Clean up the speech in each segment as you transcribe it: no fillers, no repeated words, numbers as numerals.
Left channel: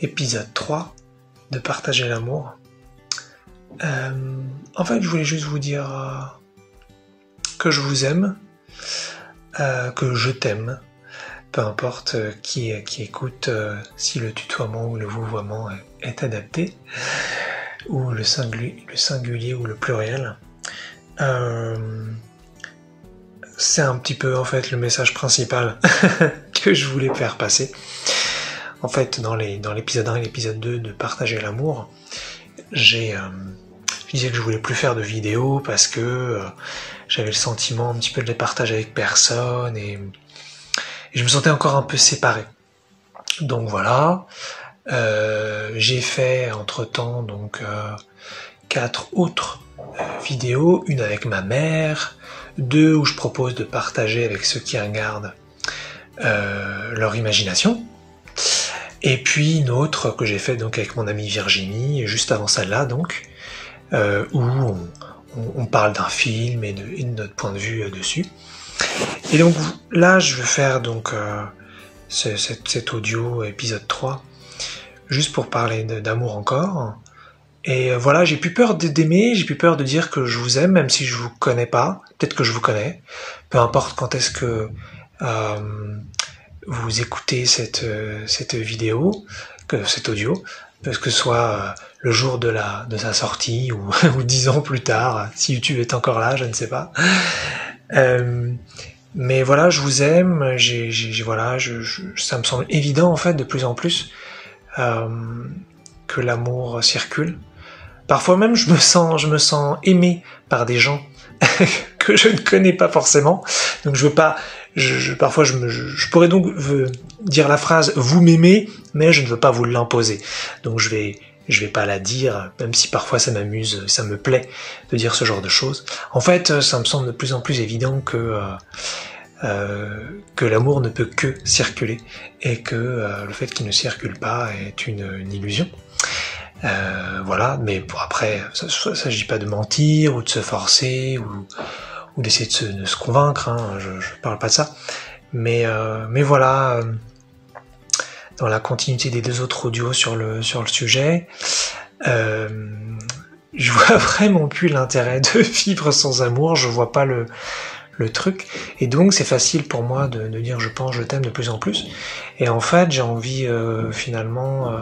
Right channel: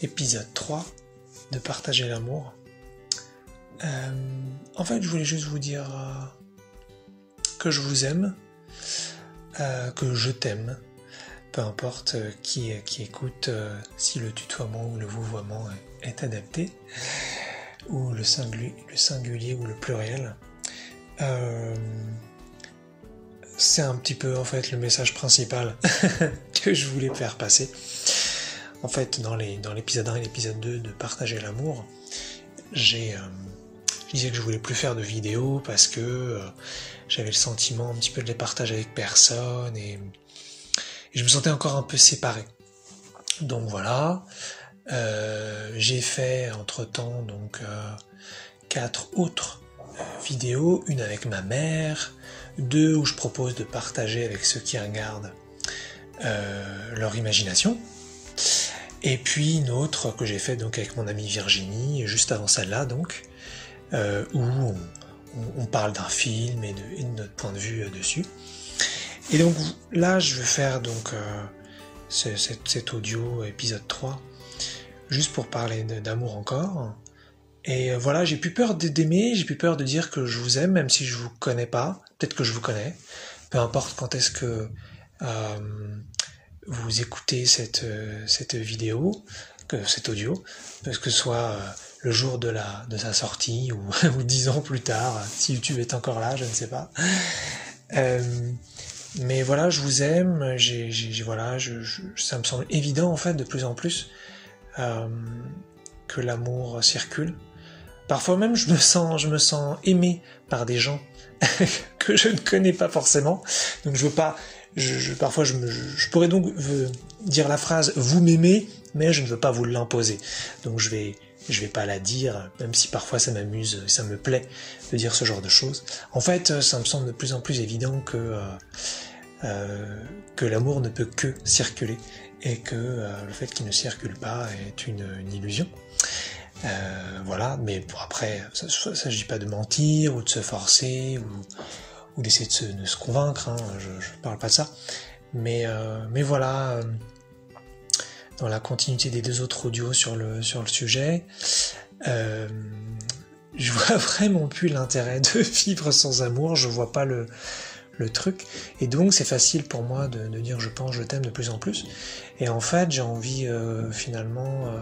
épisode 3 de Partager l'amour. En fait, je voulais juste vous dire que je vous aime, que je t'aime, peu importe qui écoute, si le tutoiement ou le vouvoiement est adapté, ou le singulier ou le pluriel. C'est un petit peu en fait le message principal que je voulais faire passer. En fait, dans l'épisode 1 et l'épisode 2 de Partager l'amour, je disais que je voulais plus faire de vidéos parce que j'avais le sentiment un petit peu de les partager avec personne et je me sentais encore un peu séparé. Donc voilà, j'ai fait entre-temps donc 4 autres vidéos, une avec ma mère, 2 où je propose de partager avec ceux qui regardent leur imagination, et puis une autre que j'ai fait donc avec mon amie Virginie, juste avant celle-là donc, où on parle d'un film et de notre point de vue dessus. Et donc là je vais faire donc cet audio épisode 3, juste pour parler d'amour encore. Et voilà, j'ai plus peur d'aimer, j'ai plus peur de dire que je vous aime, même si je vous connais pas, peut-être que je vous connais, peu importe quand est-ce que vous écoutez cette vidéo, cet audio, que ce soit le jour de sa sortie ou 10 ans plus tard, si YouTube est encore là, je ne sais pas. Mais voilà, je vous aime, ça me semble évident en fait de plus en plus que l'amour circule. Parfois même je me sens aimé par des gens que je ne connais pas forcément. Donc je veux pas, parfois je pourrais donc dire la phrase vous m'aimez, mais je ne veux pas vous l'imposer. Donc je vais pas la dire, même si parfois ça m'amuse, ça me plaît de dire ce genre de choses. En fait, ça me semble de plus en plus évident que l'amour ne peut que circuler et que le fait qu'il ne circule pas est une illusion. Voilà, mais pour après, ça ne s'agit pas de mentir ou de se forcer ou d'essayer de se convaincre, hein, je parle pas de ça. Mais voilà, dans la continuité des 2 autres audios sur le sujet, je vois vraiment plus l'intérêt de vivre sans amour, je vois pas le truc, et donc c'est facile pour moi de dire je pense, je t'aime de plus en plus, et en fait j'ai envie finalement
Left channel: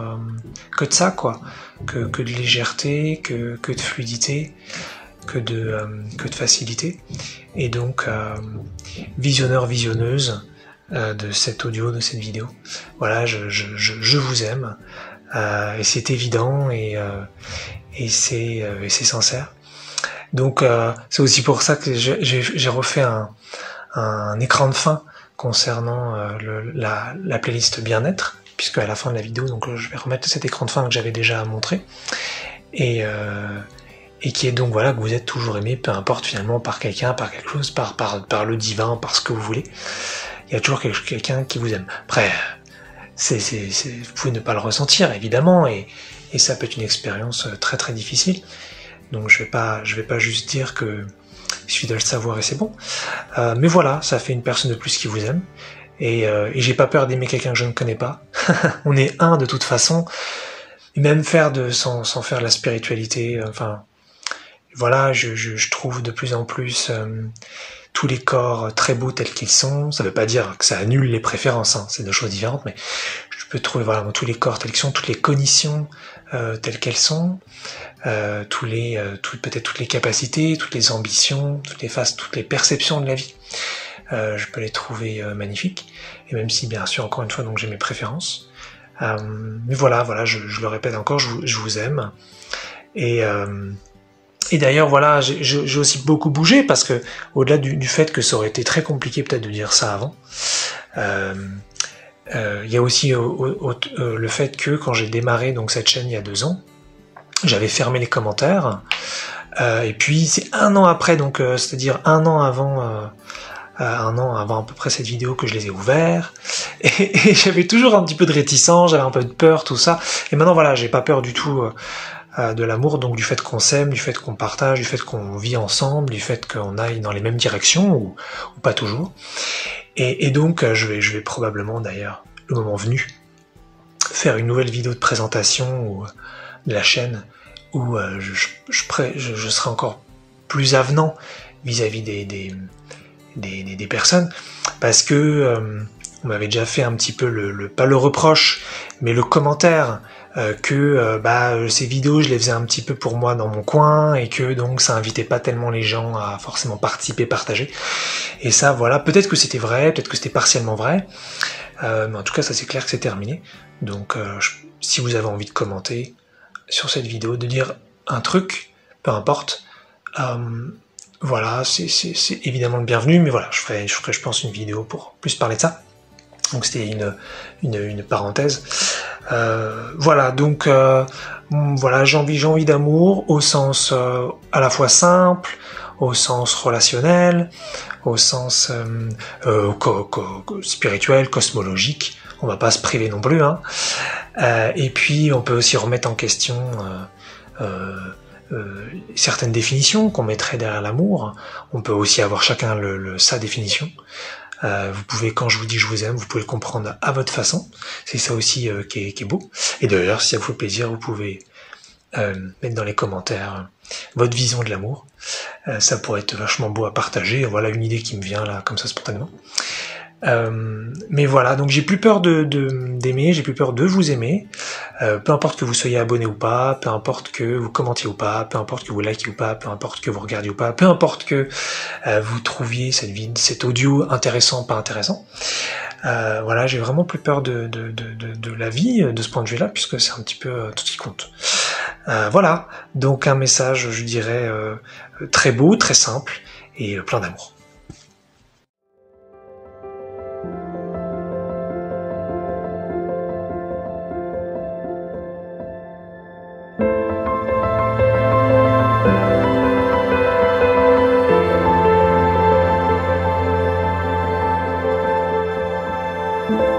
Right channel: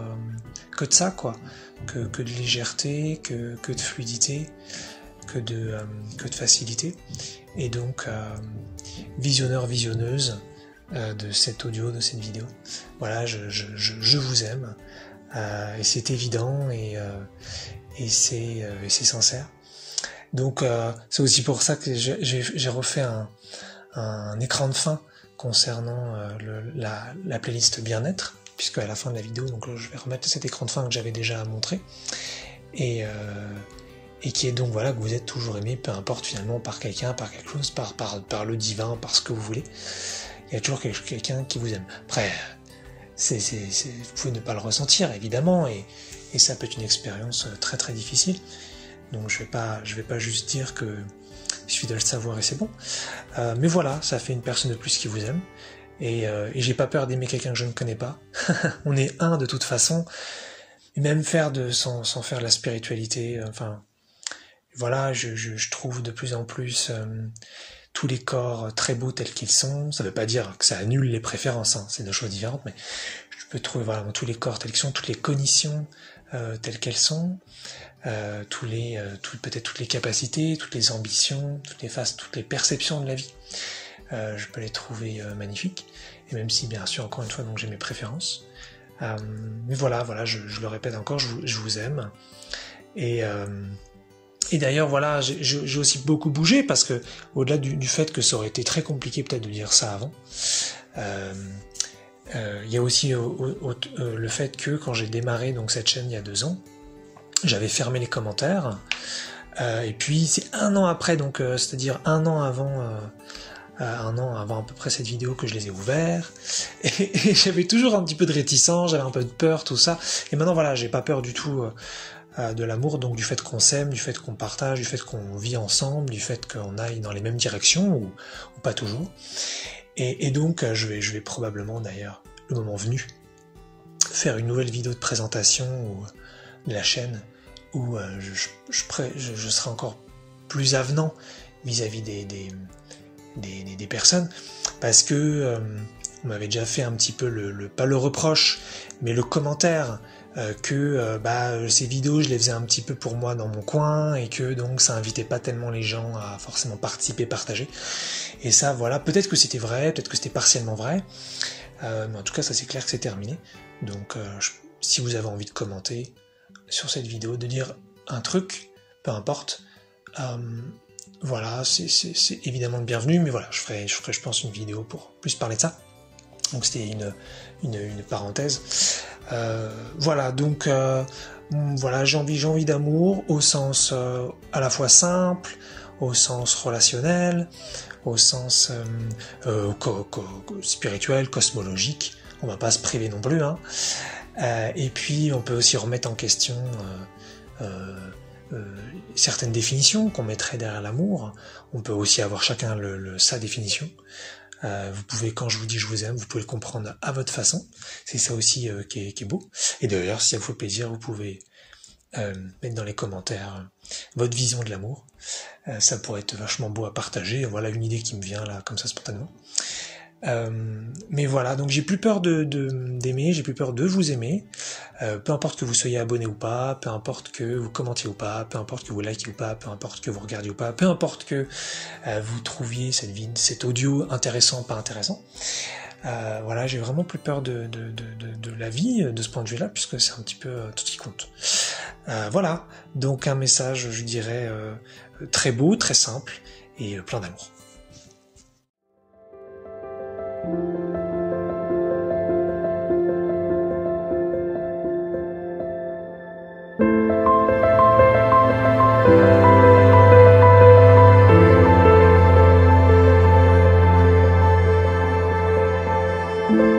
que de ça quoi, que de légèreté, que de fluidité, que de facilité, et donc visionneur, visionneuse de cet audio, de cette vidéo, voilà, je vous aime, et c'est évident, et c'est sincère. Donc c'est aussi pour ça que j'ai refait un écran de fin concernant la playlist bien-être, puisque à la fin de la vidéo, donc je vais remettre cet écran de fin que j'avais déjà montré, et qui est donc voilà, que vous êtes toujours aimé, peu importe finalement par quelqu'un, par quelque chose, par le divin, par ce que vous voulez. Il y a toujours quelqu'un qui vous aime. Après, vous pouvez ne pas le ressentir évidemment, et ça peut être une expérience très très difficile. Donc je vais pas juste dire que il suffit de le savoir et c'est bon. Mais voilà, ça fait une personne de plus qui vous aime. Et j'ai pas peur d'aimer quelqu'un que je ne connais pas. On est un de toute façon. Et même faire sans faire de la spiritualité, enfin voilà, je trouve de plus en plus tous les corps très beaux tels qu'ils sont. Ça veut pas dire que ça annule les préférences, hein, c'est 2 choses différentes, mais je peux trouver voilà tous les corps tels qu'ils sont, toutes les cognitions telles qu'elles sont. Peut-être toutes les capacités, toutes les ambitions, toutes les faces, toutes les perceptions de la vie. Je peux les trouver magnifiques, et même si bien sûr encore une fois donc j'ai mes préférences. Mais voilà, je le répète encore, je vous aime. Et d'ailleurs voilà, j'ai aussi beaucoup bougé parce que au-delà du fait que ça aurait été très compliqué peut-être de dire ça avant. Il y a aussi le fait que quand j'ai démarré donc cette chaîne il y a 2 ans, j'avais fermé les commentaires, et puis c'est 1 an après, donc c'est-à-dire 1 an avant à peu près cette vidéo que je les ai ouverts, et j'avais toujours un petit peu de réticence, j'avais un peu de peur, tout ça, et maintenant voilà, j'ai pas peur du tout de l'amour, donc du fait qu'on s'aime, du fait qu'on partage, du fait qu'on vit ensemble, du fait qu'on aille dans les mêmes directions, ou pas toujours, et donc je vais probablement d'ailleurs, le moment venu, faire une nouvelle vidéo de présentation de la chaîne où je serai encore plus avenant vis-à-vis des personnes, parce que on m'avait déjà fait un petit peu pas le reproche, mais le commentaire que ces vidéos je les faisais un petit peu pour moi dans mon coin et que donc ça invitait pas tellement les gens à forcément participer, partager. Et ça, voilà, peut-être que c'était vrai, peut-être que c'était partiellement vrai, mais en tout cas ça c'est clair que c'est terminé. Donc si vous avez envie de commenter sur cette vidéo, de dire un truc, peu importe, voilà, c'est évidemment le bienvenu, mais voilà, je ferai je pense une vidéo pour plus parler de ça. Donc c'était une parenthèse. Voilà, donc voilà, j'ai envie d'amour au sens à la fois simple, au sens relationnel, au sens spirituel, cosmologique. On va pas se priver non plus, hein. Et puis on peut aussi remettre en question certaines définitions qu'on mettrait derrière l'amour. On peut aussi avoir chacun sa définition. Vous pouvez, quand je vous dis je vous aime, vous pouvez le comprendre à votre façon. C'est ça aussi qui est beau. Et d'ailleurs, si ça vous fait plaisir, vous pouvez mettre dans les commentaires votre vision de l'amour. Ça pourrait être vachement beau à partager. Voilà une idée qui me vient là, comme ça spontanément. Mais voilà, donc j'ai plus peur d'aimer, j'ai plus peur de vous aimer. Peu importe que vous soyez abonné ou pas, peu importe que vous commentiez ou pas, peu importe que vous likez ou pas, peu importe que vous regardiez ou pas, peu importe que vous trouviez cet audio intéressant ou pas intéressant. Voilà, j'ai vraiment plus peur de la vie de ce point de vue-là, puisque c'est un petit peu tout ce qui compte. Voilà, donc un message, je dirais, très beau, très simple et plein d'amour. Thank you.